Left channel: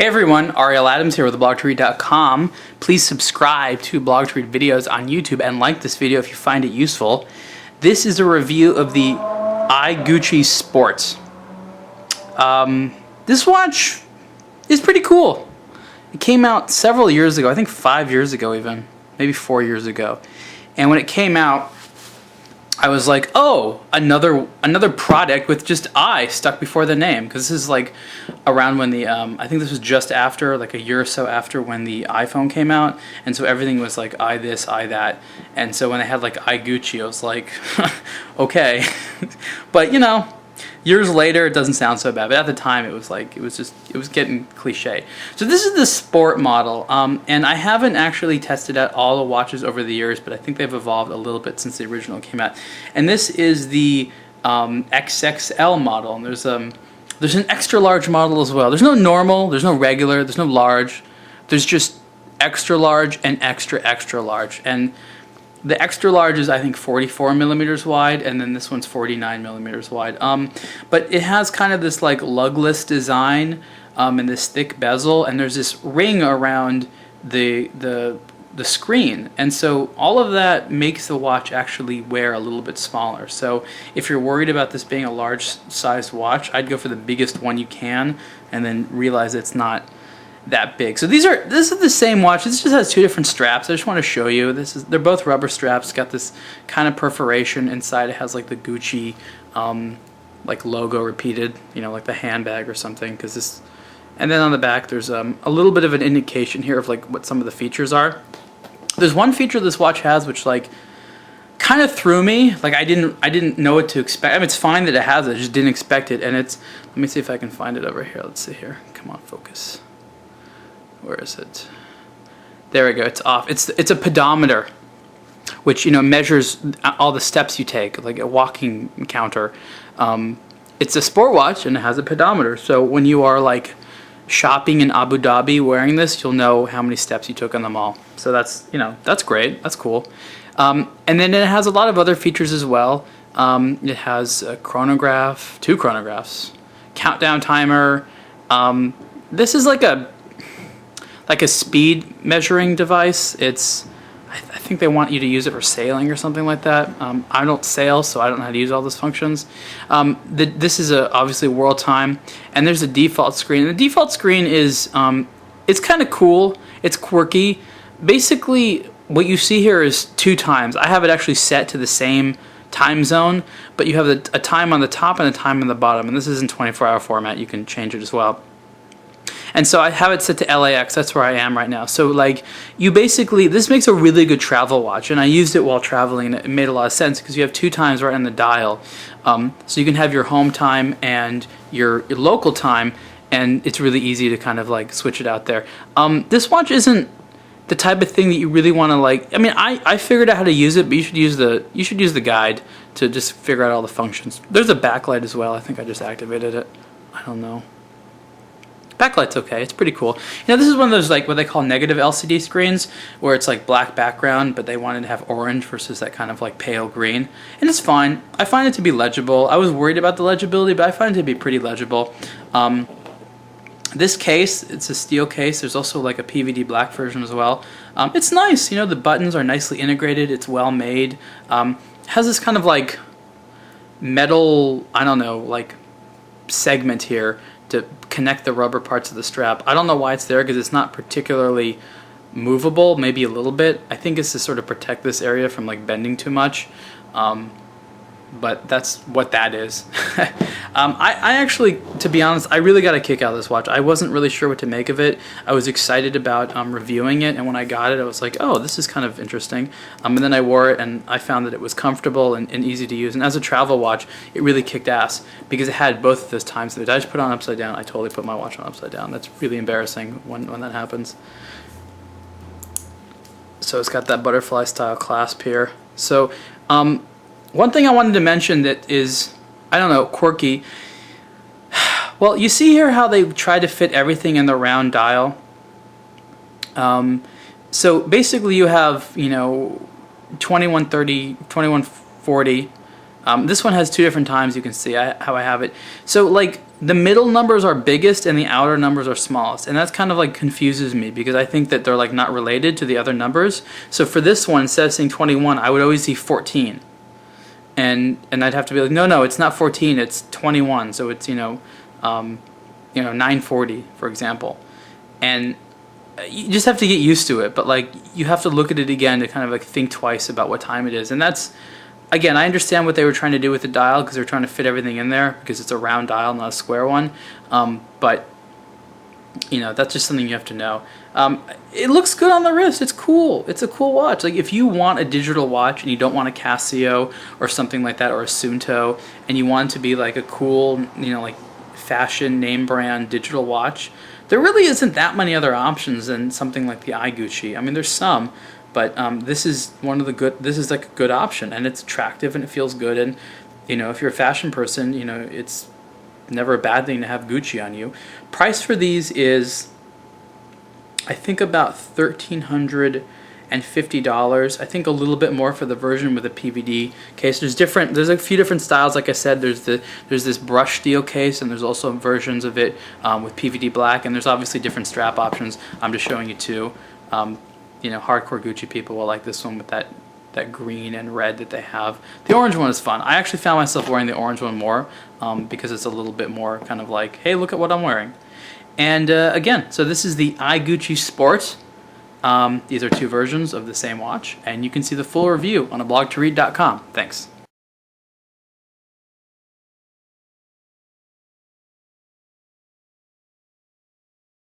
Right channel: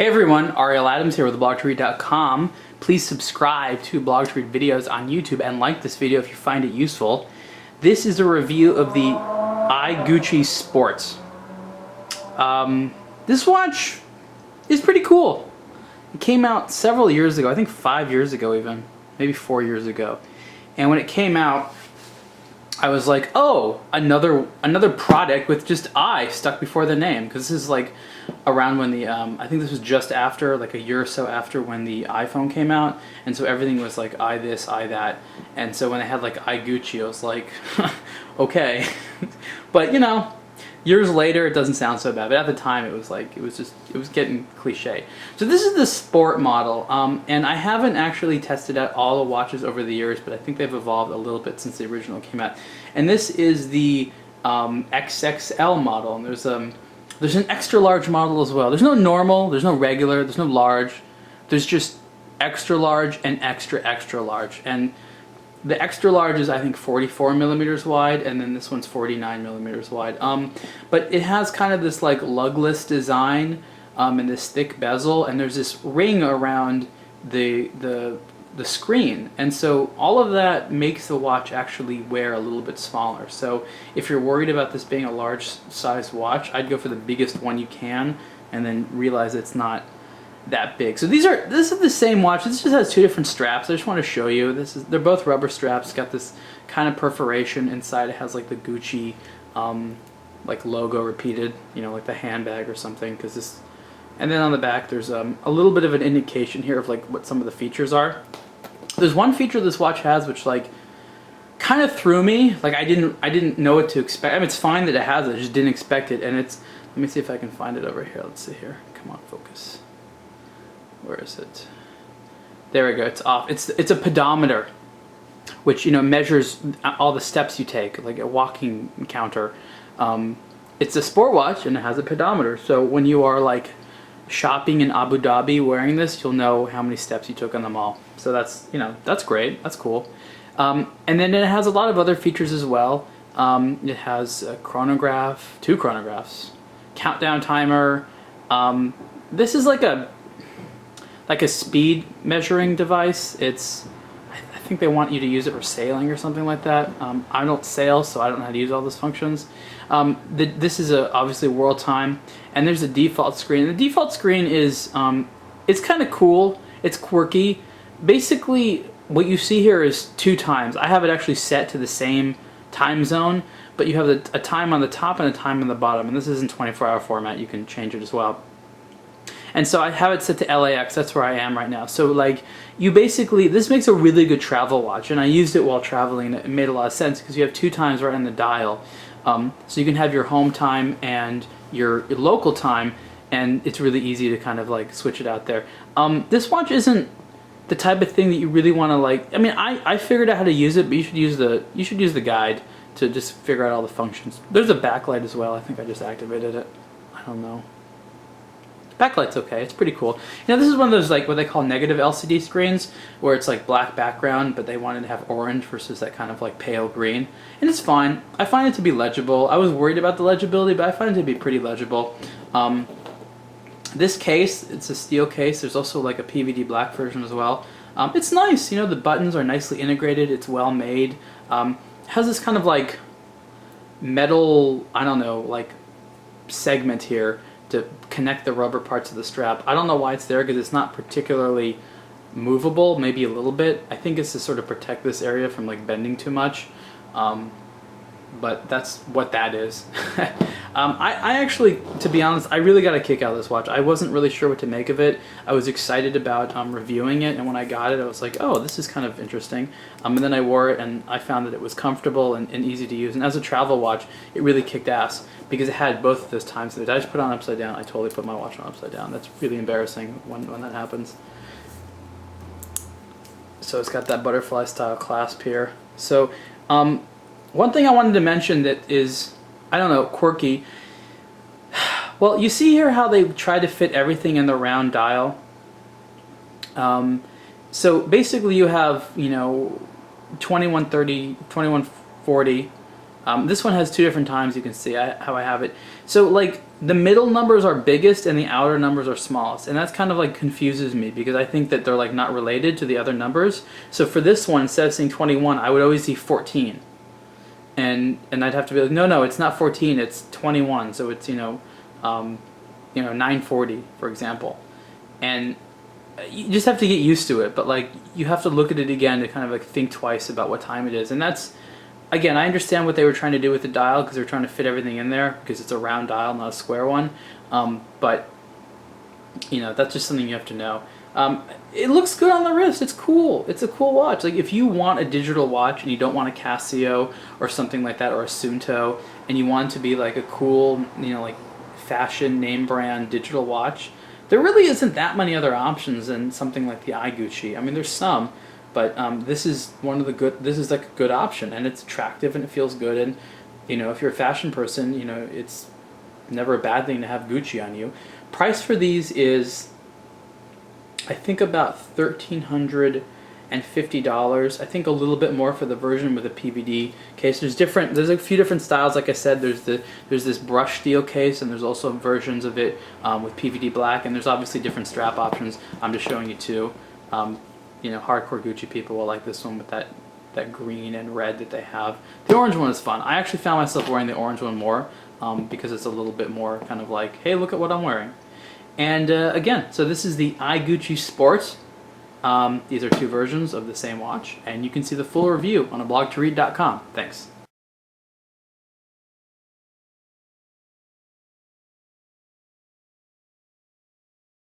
Hey everyone, Ariel Adams here with blog2read.com. Please subscribe to Blog to Read videos on YouTube and like this video if you find it useful. This is a review of the Gucci Sports. This watch is pretty cool. It came out several years ago, I think 5 years ago even, maybe 4 years ago. And when it came out, I was like, oh, another product with just I stuck before the name, because this is like around when the I think this was just after, like a year or so after when the iPhone came out, and so everything was like I this, I that, and so when they had like Gucci, I was like, okay, but you know, years later it doesn't sound so bad, but at the time it was like it was getting cliche. So this is the sport model, and I haven't actually tested out all the watches over the years, but I think they've evolved a little bit since the original came out. And this is the XXL model, and there's an extra large model as well. There's no normal, there's no regular, there's no large, there's just extra large and extra large. And the extra large is, I think, 44 millimeters wide, and then this one's 49 millimeters wide. But it has kind of this like lugless design and this thick bezel, and there's this ring around the screen, and so all of that makes the watch actually wear a little bit smaller. So if you're worried about this being a large size watch, I'd go for the biggest one you can, and then realize it's not that big. So this is the same watch. This just has two different straps. I just want to show you. They're both rubber straps. It's got this kind of perforation inside. It has like the Gucci like logo repeated, you know, like the handbag or something. And then on the back there's a little bit of an indication here of like what some of the features are. There's one feature this watch has which like kind of threw me. Like I didn't know what to expect. I mean, it's fine that it has it. I just didn't expect it. And it's, let me see if I can find it over here. Let's see here. Come on, focus. Where is it? There we go. It's off. It's a pedometer, which, you know, measures all the steps you take, like a walking counter. It's a sport watch and it has a pedometer. So when you are like shopping in Abu Dhabi wearing this, you'll know how many steps you took on the mall. So that's, you know, that's great. That's cool. And then it has a lot of other features as well. It has a chronograph, 2 chronographs, countdown timer. This is like a speed measuring device. I think they want you to use it for sailing or something like that. I don't sail, so I don't know how to use all those functions. This is obviously world time, and there's a default screen. The default screen is it's kind of cool. It's quirky. Basically, what you see here is 2 times. I have it actually set to the same time zone, but you have a time on the top and a time on the bottom, and this is in 24-hour format. You can change it as well. And so I have it set to LAX, that's where I am right now. So like, you basically, this makes a really good travel watch, and I used it while traveling, and it made a lot of sense because you have 2 times right on the dial. So you can have your home time and your local time, and it's really easy to kind of like switch it out there. This watch isn't the type of thing that you really want to like, I mean, I figured out how to use it, but you should use the guide to just figure out all the functions. There's a backlight as well. I think I just activated it. I don't know. Backlight's okay, it's pretty cool. You know, this is one of those like what they call negative LCD screens, where it's like black background, but they wanted to have orange versus that kind of like pale green. And it's fine. I find it to be legible. I was worried about the legibility, but I find it to be pretty legible. This case, it's a steel case. There's also like a PVD black version as well. It's nice, you know, the buttons are nicely integrated, it's well made. Has this kind of like metal, I don't know, like segment here to connect the rubber parts of the strap. I don't know why it's there because it's not particularly movable, maybe a little bit. I think it's to sort of protect this area from like bending too much, but that's what that is. I actually, to be honest, I really got a kick out of this watch. I wasn't really sure what to make of it. I was excited about reviewing it, and when I got it, I was like, oh, this is kind of interesting. And then I wore it, and I found that it was comfortable and easy to use. And as a travel watch, it really kicked ass because it had both of those times. Did I just put it on upside down? I totally put my watch on upside down. That's really embarrassing when that happens. So it's got that butterfly style clasp here. So one thing I wanted to mention that is, I don't know, quirky. Well, you see here how they try to fit everything in the round dial. So basically you have, you know, 2130, 2140. This one has 2 different times, you can see how I have it. So like the middle numbers are biggest and the outer numbers are smallest, and that's kind of like confuses me because I think that they're like not related to the other numbers. So for this one, instead of seeing 21, I would always see 14, and I'd have to be like, no, it's not 14, it's 21. So it's 9:40, for example, and you just have to get used to it. But like you have to look at it again to kind of like think twice about what time it is, and that's. Again, I understand what they were trying to do with the dial because they're trying to fit everything in there because it's a round dial, not a square one. But that's just something you have to know. It looks good on the wrist. It's cool. It's a cool watch. Like if you want a digital watch and you don't want a Casio or something like that or a Suunto, and you want it to be like a cool, like fashion name brand digital watch, there really isn't that many other options than something like the iGucci. I mean, there's some. But this is one of the good. This is like a good option, and it's attractive and it feels good. And if you're a fashion person, it's never a bad thing to have Gucci on you. Price for these is, I think, about $1,350. I think a little bit more for the version with a PVD case. There's a few different styles. Like I said, there's this brush steel case, and there's also versions of it with PVD black, and there's obviously different strap options. I'm just showing you two. Hardcore Gucci people will like this one with that green and red that they have. The orange one is fun. I actually found myself wearing the orange one more because it's a little bit more kind of like, hey, look at what I'm wearing. And again, so this is the iGucci Sport. These are two versions of the same watch, and you can see the full review on ablogtoread.com. Thanks.